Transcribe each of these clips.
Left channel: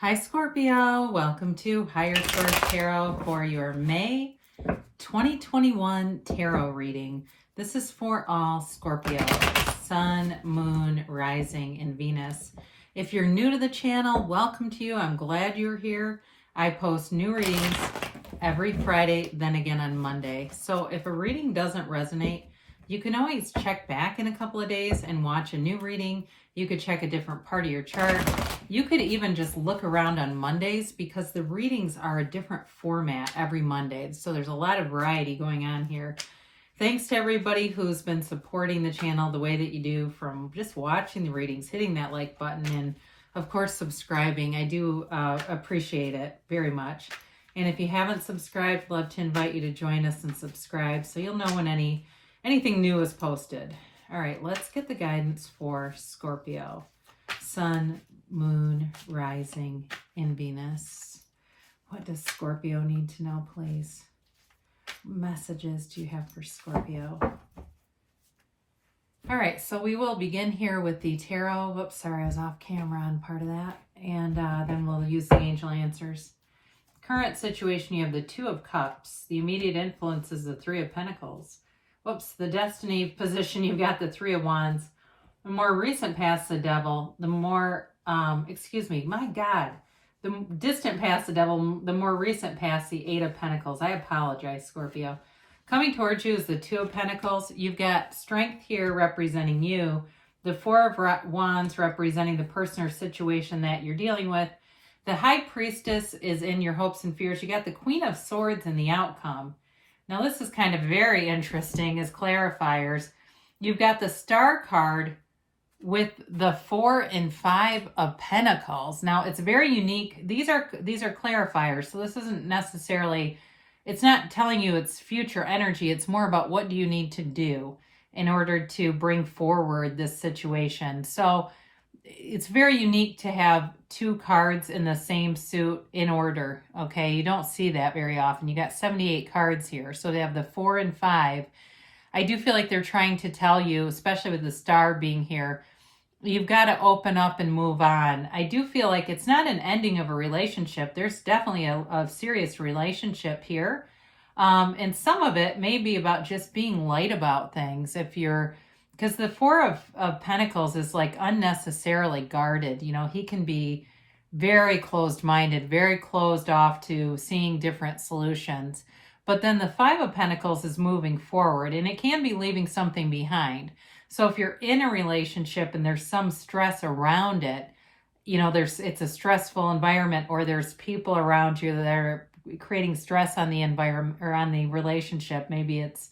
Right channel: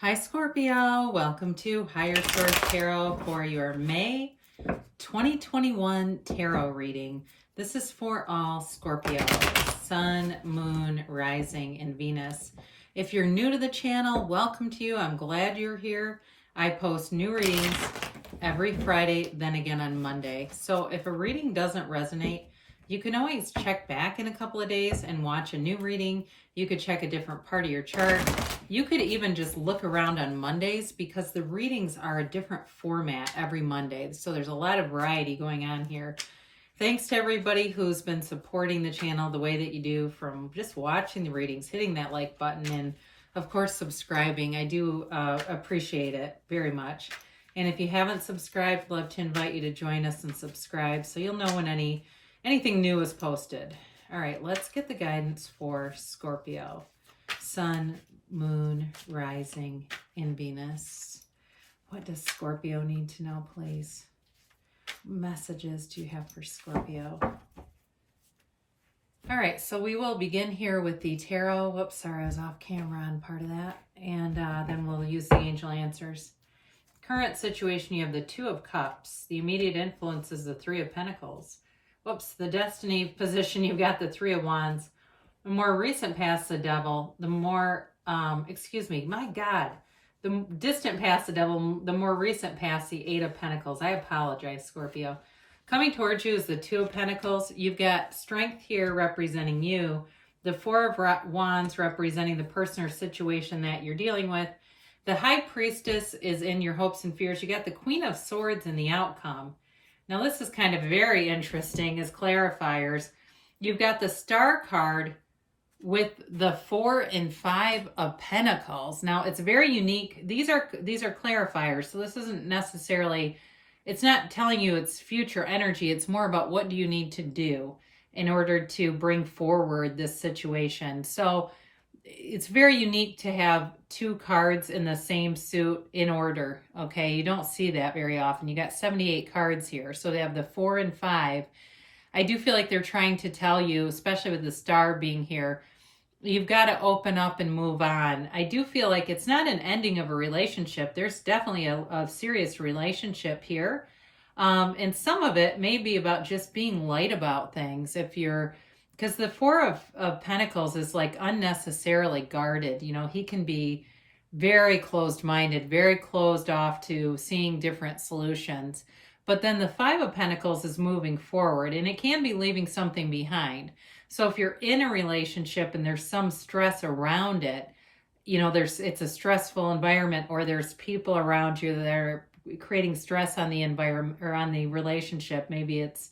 Hi Scorpio, welcome to Higher Source Tarot for your May 2021 tarot reading. This is for all Scorpio, Sun, Moon, Rising, and Venus. If you're new to the channel, welcome to you. I'm glad you're here. I post new readings every Friday, then again on Monday. So if a reading doesn't resonate, you can always check back in a couple of days and watch a new reading. You could check a different part of your chart. You could even just look around on Mondays because the readings are a different format every Monday. So there's a lot of variety going on here. Thanks to everybody who's been supporting the channel the way that you do, from just watching the readings, hitting that like button, and of course subscribing. I do appreciate it very much. And if you haven't subscribed, I'd love to invite you to join us and subscribe so you'll know when anything new is posted. All right, let's get the guidance for Scorpio. Sun, Moon, Rising, and Venus. What does Scorpio need to know, please? What messages do you have for Scorpio? All right, so we will begin here with the tarot. Whoops, sorry, I was off camera on part of that. And then we'll use the angel answers. Current situation, you have the Two of Cups. The immediate influence is the Three of Pentacles. Whoops, the destiny position, you've got the Three of Wands. The more recent past the Devil, the more, the distant past the Devil, the more recent past the Eight of Pentacles. I apologize, Scorpio. Coming towards you is the Two of Pentacles. You've got Strength here representing you. The Four of Wands representing the person or situation that you're dealing with. The High Priestess is in your hopes and fears. You got the Queen of Swords in the outcome. Now this is kind of very interesting as clarifiers. You've got the Star card with the 4 and 5 of Pentacles. Now it's very unique. These are clarifiers, so this isn't necessarily, it's not telling you it's future energy. It's more about what do you need to do in order to bring forward this situation. So it's very unique to have two cards in the same suit in order. Okay, you don't see that very often. You got 78 cards here, so they have the 4 and 5. I do feel like they're trying to tell you, especially with the Star being here, you've got to open up and move on. I do feel like it's not an ending of a relationship. There's definitely a serious relationship here. And some of it may be about just being light about things. Because the Four of Pentacles is like unnecessarily guarded. You know, he can be very closed-minded, very closed off to seeing different solutions. But then the Five of Pentacles is moving forward, and it can be leaving something behind. So if you're in a relationship and there's some stress around it, you know, it's a stressful environment, or there's people around you that are creating stress on the environment or on the relationship. Maybe it's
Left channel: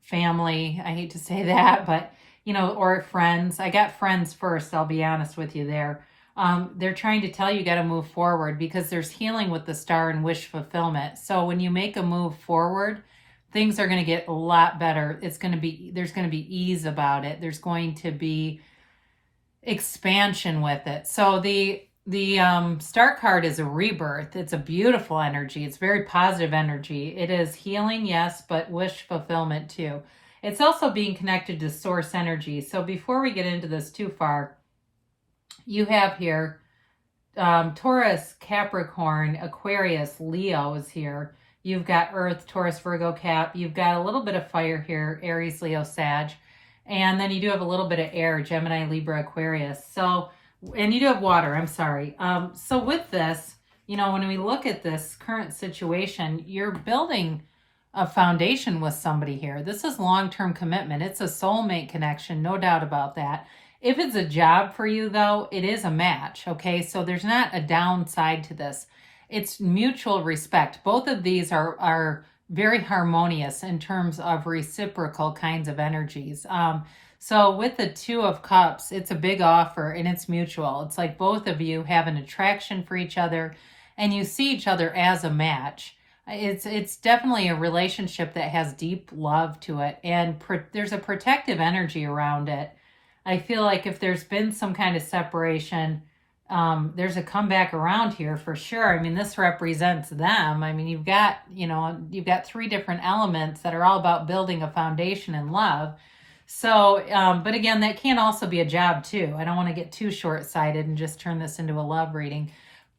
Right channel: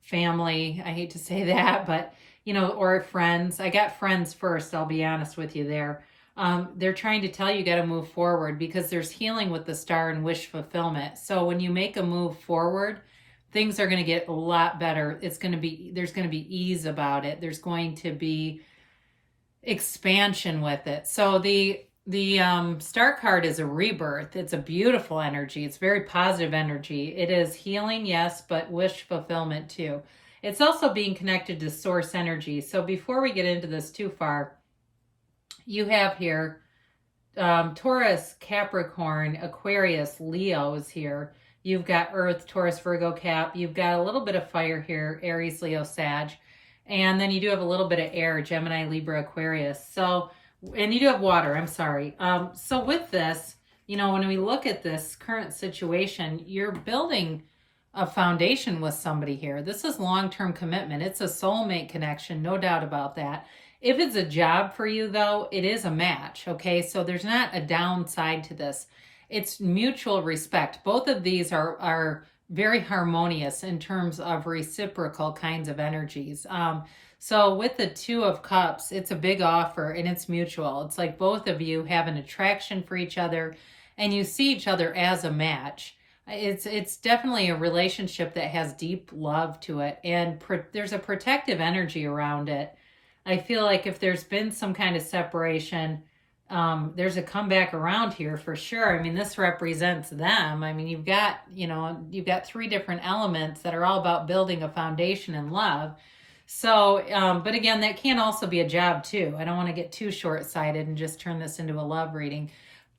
family, I hate to say that, but you know, or friends. I got friends first, I'll be honest with you there. They're trying to tell you got to move forward because there's healing with the Star and wish fulfillment. So when you make a move forward, things are going to get a lot better. There's going to be ease about it. There's going to be expansion with it. So the Star card is a rebirth. It's a beautiful energy. It's very positive energy. It is healing, yes, but wish fulfillment too. It's also being connected to source energy. So before we get into this too far, you have here Taurus, Capricorn, Aquarius, Leo is here. You've got Earth, Taurus, Virgo, Cap. You've got a little bit of fire here, Aries, Leo, Sag. And then you do have a little bit of air, Gemini, Libra, Aquarius. So, and you do have water, I'm sorry. So with this, you know, when we look at this current situation, you're building a foundation with somebody here. This is long-term commitment. It's a soulmate connection, no doubt about that. If it's a job for you, though, it is a match, okay? So there's not a downside to this. It's mutual respect. Both of these are very harmonious in terms of reciprocal kinds of energies. So with the Two of Cups, it's a big offer and it's mutual. It's like both of you have an attraction for each other and you see each other as a match. It's definitely a relationship that has deep love to it, and there's a protective energy around it. I feel like if there's been some kind of separation, there's a comeback around here for sure. I mean, this represents them. I mean, you've got 3 different elements that are all about building a foundation in love. So, but again, that can also be a job too. I don't want to get too short-sighted and just turn this into a love reading.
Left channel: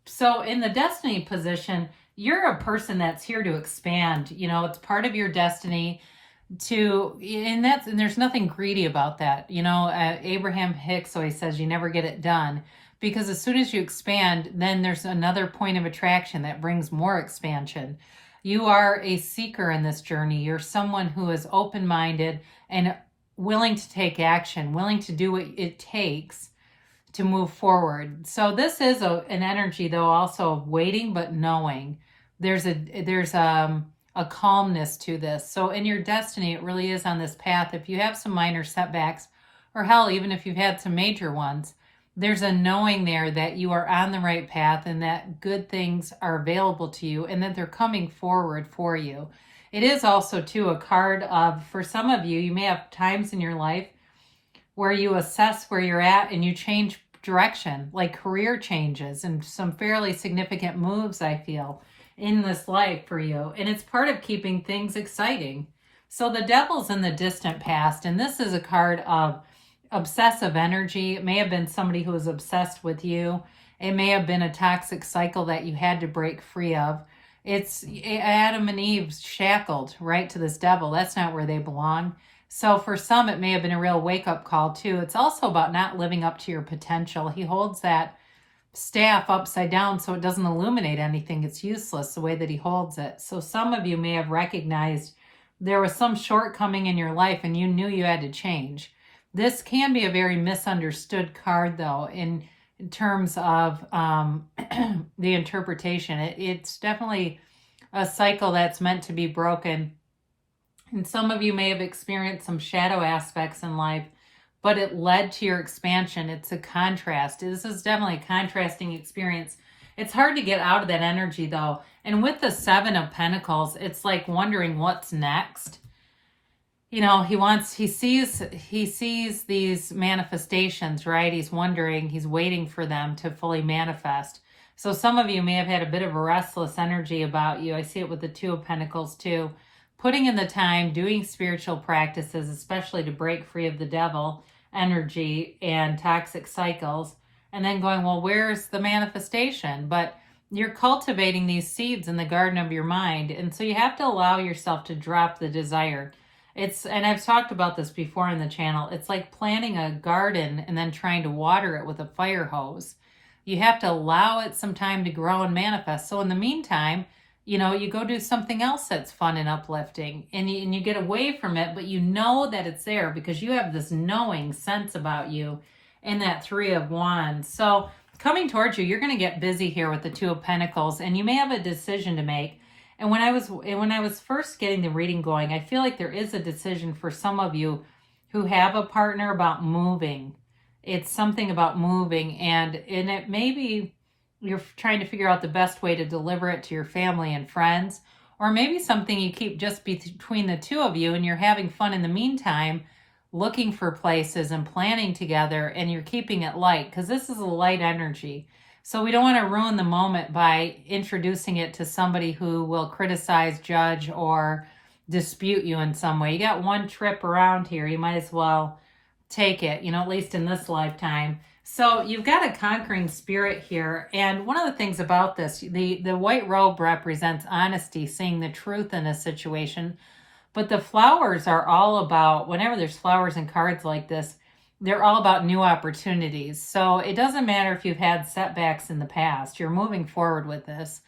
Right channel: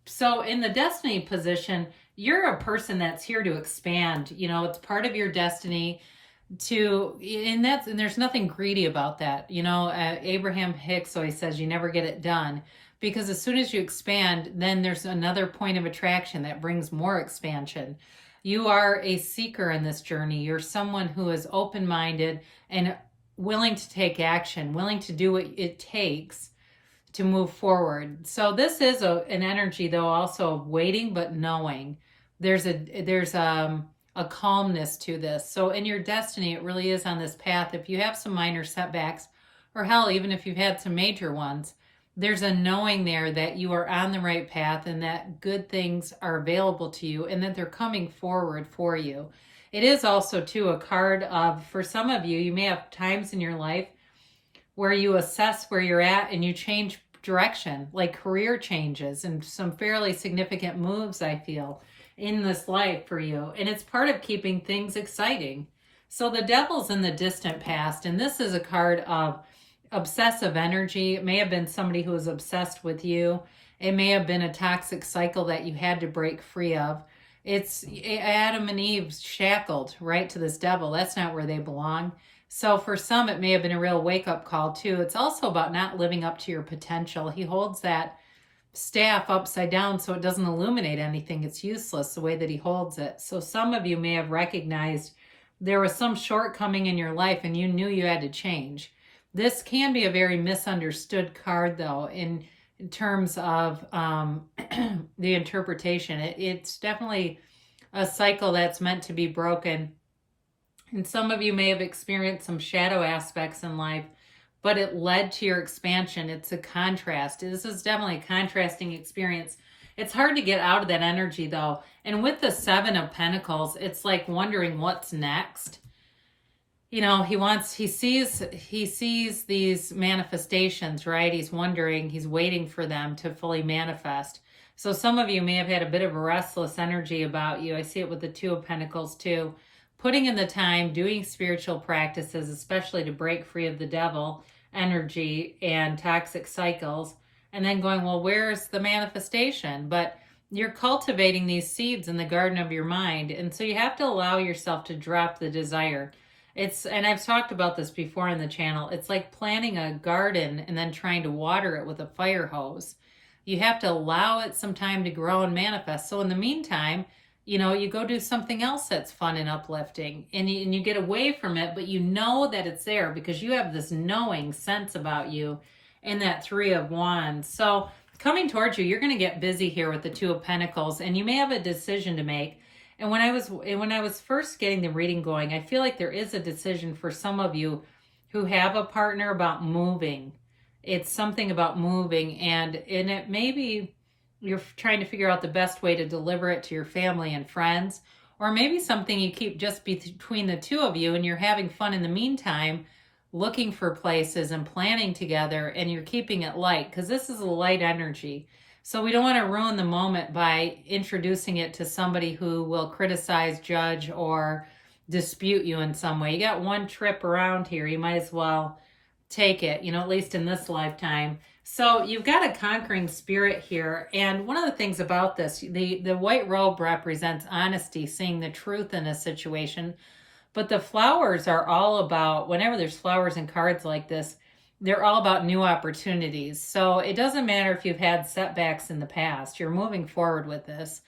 So in the destiny position, you're a person that's here to expand. You know, it's part of your destiny and there's nothing greedy about that. You know, Abraham Hicks always says you never get it done, because as soon as you expand, then there's another point of attraction that brings more expansion. You are a seeker in this journey. You're someone who is open-minded and willing to take action, willing to do what it takes to move forward. So this is an energy, though, also of waiting but knowing. There's a calmness to this. So in your destiny, it really is on this path. If you have some minor setbacks, or hell, even if you've had some major ones, there's a knowing there that you are on the right path and that good things are available to you and that they're coming forward for you. It is also, too, a card of, for some of you, you may have times in your life where you assess where you're at and you change direction, like career changes and some fairly significant moves, I feel, in this life for you. And it's part of keeping things exciting. So the Devil's in the distant past, and this is a card of obsessive energy. It may have been somebody who was obsessed with you. It may have been a toxic cycle that you had to break free of. It's Adam and Eve shackled right to this devil. That's not where they belong. So for some, it may have been a real wake-up call, too. It's also about not living up to your potential. He holds that staff upside down so it doesn't illuminate anything. It's useless the way that he holds it. So some of you may have recognized there was some shortcoming in your life and you knew you had to change. This can be a very misunderstood card, though, in terms of the interpretation. It's definitely a cycle that's meant to be broken. And some of you may have experienced some shadow aspects in life, but it led to your expansion. It's a contrast. This is definitely a contrasting experience. It's hard to get out of that energy, though. And with the Seven of Pentacles, it's like wondering what's next. You know, he sees these manifestations, right? He's wondering, he's waiting for them to fully manifest. So some of you may have had a bit of a restless energy about you. I see it with the Two of Pentacles, too. Putting in the time, doing spiritual practices, especially to break free of the devil energy and toxic cycles, and then going, well, where's the manifestation? But you're cultivating these seeds in the garden of your mind, and so you have to allow yourself to drop the desire. And I've talked about this before in the channel, it's like planting a garden and then trying to water it with a fire hose. You have to allow it some time to grow and manifest. So in the meantime, you know, you go do something else that's fun and uplifting, and you get away from it, but you know that it's there because you have this knowing sense about you in that Three of Wands. So coming towards you, you're going to get busy here with the Two of Pentacles, and you may have a decision to make. And when I was first getting the reading going, I feel like there is a decision for some of you who have a partner about moving. It's something about moving, and it may be you're trying to figure out the best way to deliver it to your family and friends, or maybe something you keep just between the two of you and you're having fun in the meantime, looking for places and planning together, and you're keeping it light because this is a light energy. So we don't want to ruin the moment by introducing it to somebody who will criticize, judge, or dispute you in some way. You got one trip around here. You might as well take it, you know, at least in this lifetime. So you've got a conquering spirit here. And one of the things about this, the white robe represents honesty, seeing the truth in a situation. But the flowers are all about, whenever there's flowers and cards like this, they're all about new opportunities. So it doesn't matter if you've had setbacks in the past. You're moving forward with this.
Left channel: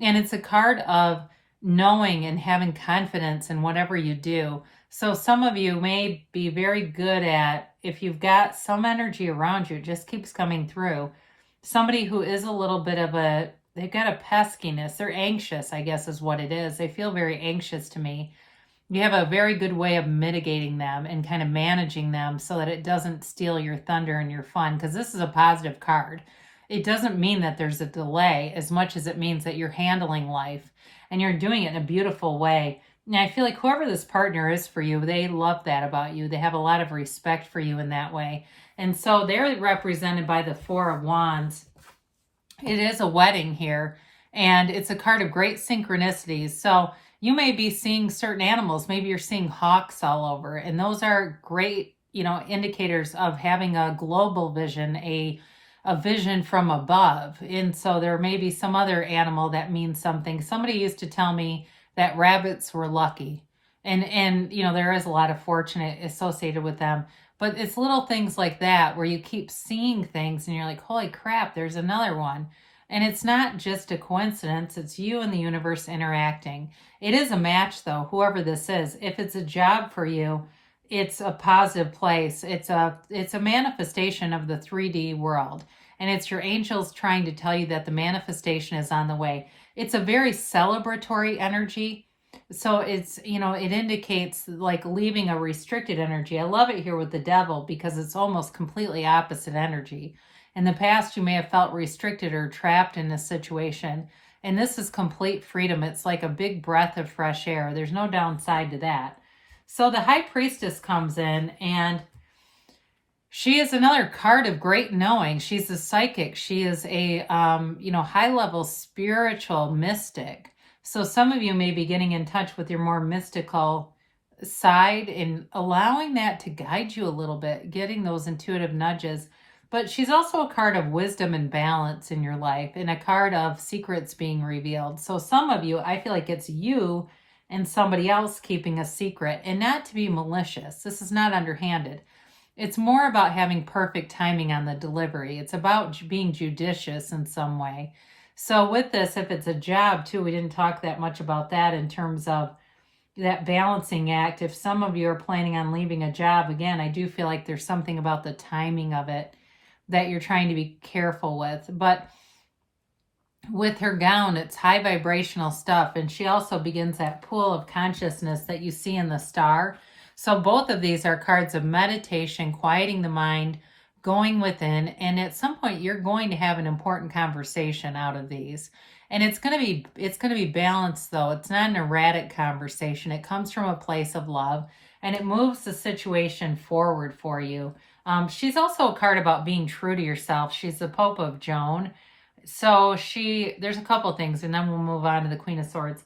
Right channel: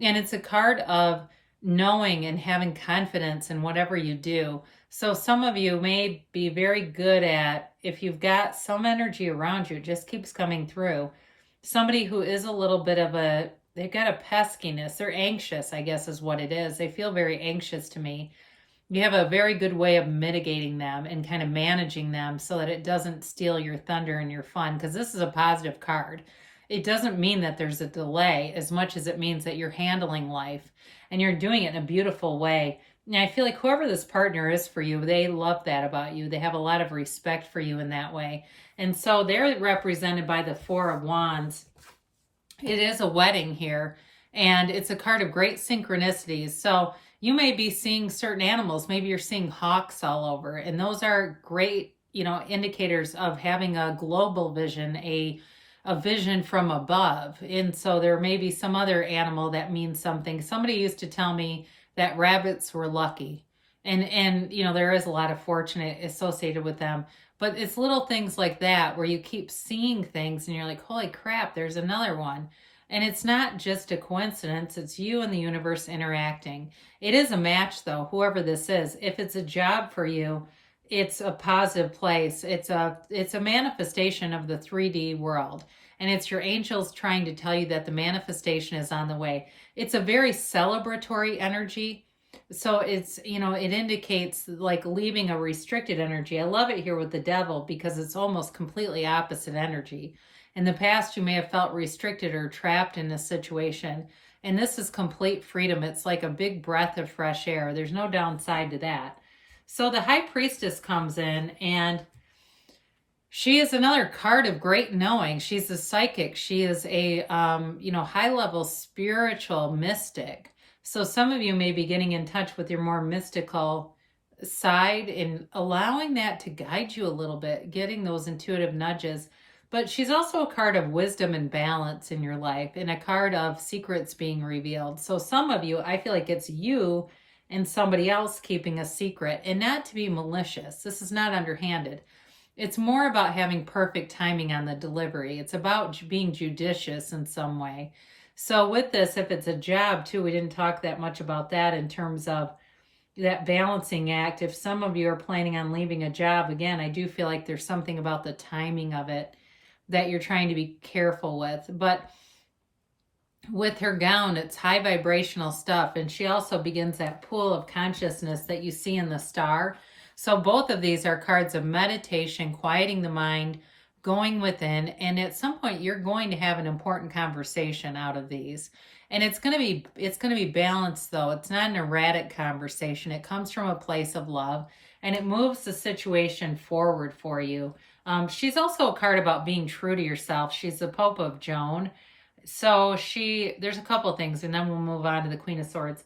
And it's a card of knowing and having confidence in whatever you do. So some of you may be very good at, if you've got some energy around you, it just keeps coming through. Somebody who is a little bit of they've got a peskiness. They're anxious, I guess is what it is. They feel very anxious to me. You have a very good way of mitigating them and kind of managing them so that it doesn't steal your thunder and your fun, because this is a positive card. It doesn't mean that there's a delay as much as it means that you're handling life and you're doing it in a beautiful way. And I feel like whoever this partner is for you, they love that about you. They have a lot of respect for you in that way. And so they're represented by the Four of Wands. It is a wedding here, and it's a card of great synchronicities. So you may be seeing certain animals. Maybe you're seeing hawks all over, and those are great, you know, indicators of having a global vision, a a vision from above. And so there may be some other animal that means something. Somebody used to tell me that rabbits were lucky. And you know, there is a lot of fortune associated with them. But it's little things like that where you keep seeing things and you're like, holy crap, there's another one. And it's not just a coincidence. It's you and the universe interacting. It is a match, though, whoever this is. If it's a job for you, it's a positive place. It's a manifestation of the 3D world. And it's your angels trying to tell you that the manifestation is on the way. It's a very celebratory energy. So it's, you know, it indicates like leaving a restricted energy. I love it here with the devil because it's almost completely opposite energy. In the past, you may have felt restricted or trapped in a situation. And this is complete freedom. It's like a big breath of fresh air. There's no downside to that. So the High Priestess comes in, and she is another card of great knowing. She's a psychic. She is a, high-level spiritual mystic. So some of you may be getting in touch with your more mystical side and allowing that to guide you a little bit, getting those intuitive nudges. But she's also a card of wisdom and balance in your life and a card of secrets being revealed. So some of you, I feel like it's you and somebody else keeping a secret, and not to be malicious. This is not underhanded. It's more about having perfect timing on the delivery. It's about being judicious in some way. So with this, if it's a job too, we didn't talk that much about that in terms of that balancing act. If some of you are planning on leaving a job, again, I do feel like there's something about the timing of it that you're trying to be careful with. But with her gown, it's high vibrational stuff. And she also begins that pool of consciousness that you see in the star. So both of these are cards of meditation, quieting the mind, going within. And at some point, you're going to have an important conversation out of these. And it's going to be balanced, though. It's not an erratic conversation. It comes from a place of love, and it moves the situation forward for you. She's also a card about being true to yourself. She's the Pope of Joan. So there's a couple things, and then we'll move on to the Queen of Swords.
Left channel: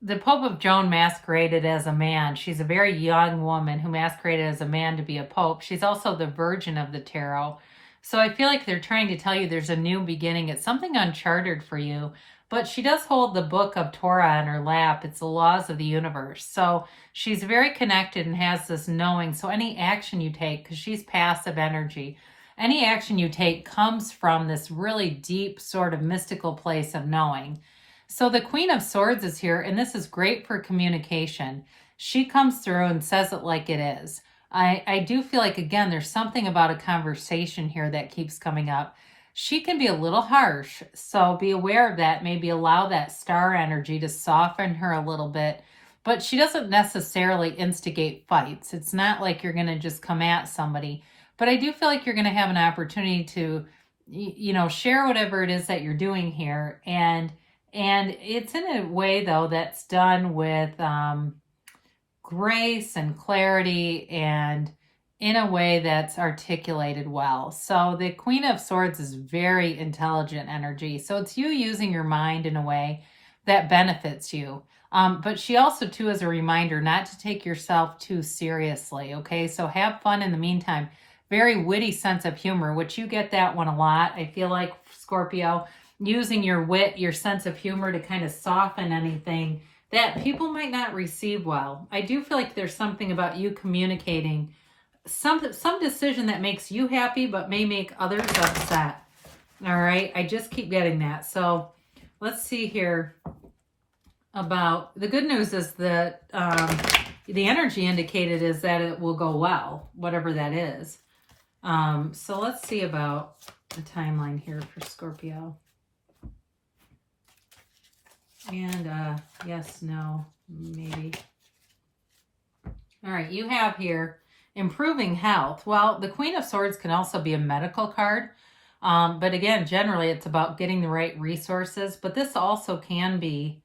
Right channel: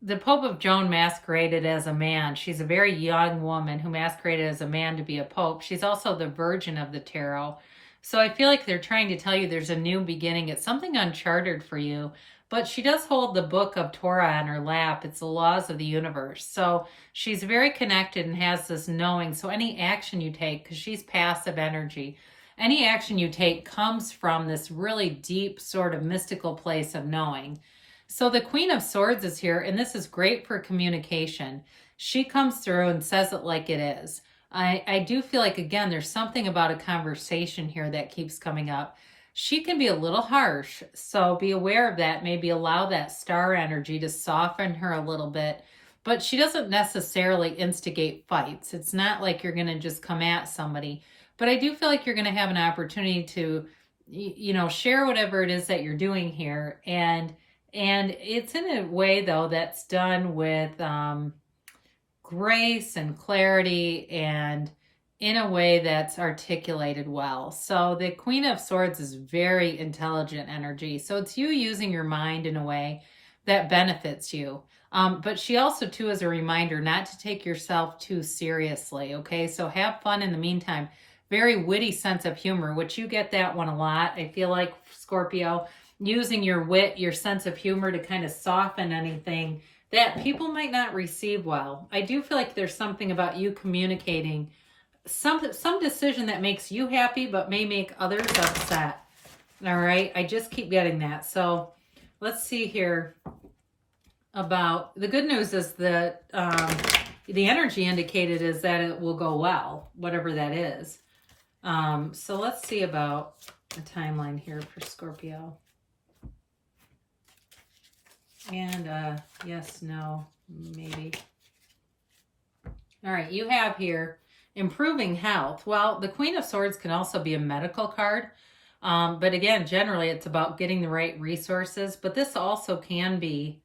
The Pope of Joan masqueraded as a man. She's a very young woman who masqueraded as a man to be a pope. She's also the Virgin of the Tarot. So I feel like they're trying to tell you there's a new beginning. It's something uncharted for you. But she does hold the book of Torah in her lap. It's the laws of the universe. So she's very connected and has this knowing. So any action you take, because she's passive energy, any action you take comes from this really deep sort of mystical place of knowing. So the Queen of Swords is here, and this is great for communication. She comes through and says it like it is. I do feel like, again, there's something about a conversation here that keeps coming up. She can be a little harsh, so be aware of that. Maybe allow that star energy to soften her a little bit. But she doesn't necessarily instigate fights. It's not like you're going to just come at somebody. But I do feel like you're going to have an opportunity to, share whatever it is that you're doing here. And it's in a way, though, that's done with grace and clarity and in a way that's articulated well. So the Queen of Swords is very intelligent energy. So it's you using your mind in a way that benefits you. But she also, too, is a reminder not to take yourself too seriously, okay? So have fun in the meantime. Very witty sense of humor, which you get that one a lot. I feel like, Scorpio, using your wit, your sense of humor to kind of soften anything that people might not receive well. I do feel like there's something about you communicating some decision that makes you happy but may make others upset. All right, I just keep getting that. So let's see here about the good news is that the energy indicated is that it will go well, whatever that is. So let's see about the timeline here for Scorpio. And yes, no, maybe. All right, you have here improving health. Well, the Queen of Swords can also be a medical card. But again, generally it's about getting the right resources. But this also can be,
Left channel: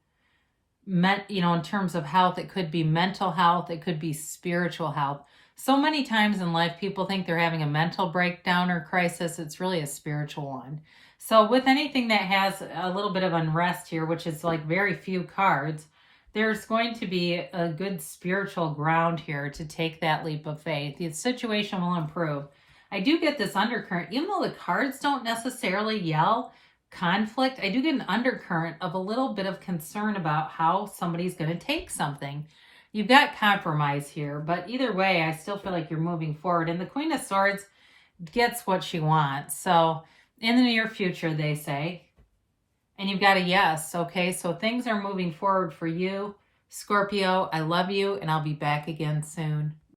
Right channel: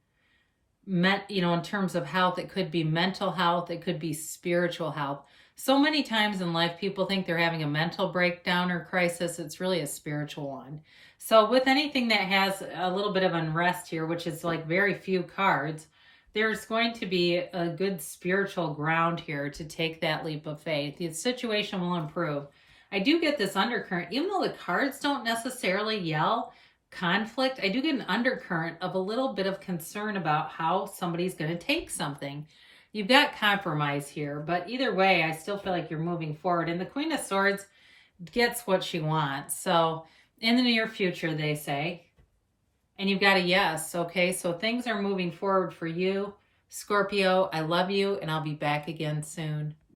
in terms of health, it could be mental health. It could be spiritual health. So many times in life, people think they're having a mental breakdown or crisis. It's really a spiritual one. So with anything that has a little bit of unrest here, which is like very few cards, there's going to be a good spiritual ground here to take that leap of faith. The situation will improve. I do get this undercurrent, even though the cards don't necessarily yell conflict, I do get an undercurrent of a little bit of concern about how somebody's going to take something. You've got compromise here, but either way, I still feel like you're moving forward. And the Queen of Swords gets what she wants. So in the near future, they say. And you've got a yes, okay? So things are moving forward for you, Scorpio. I love you, and I'll be back again soon.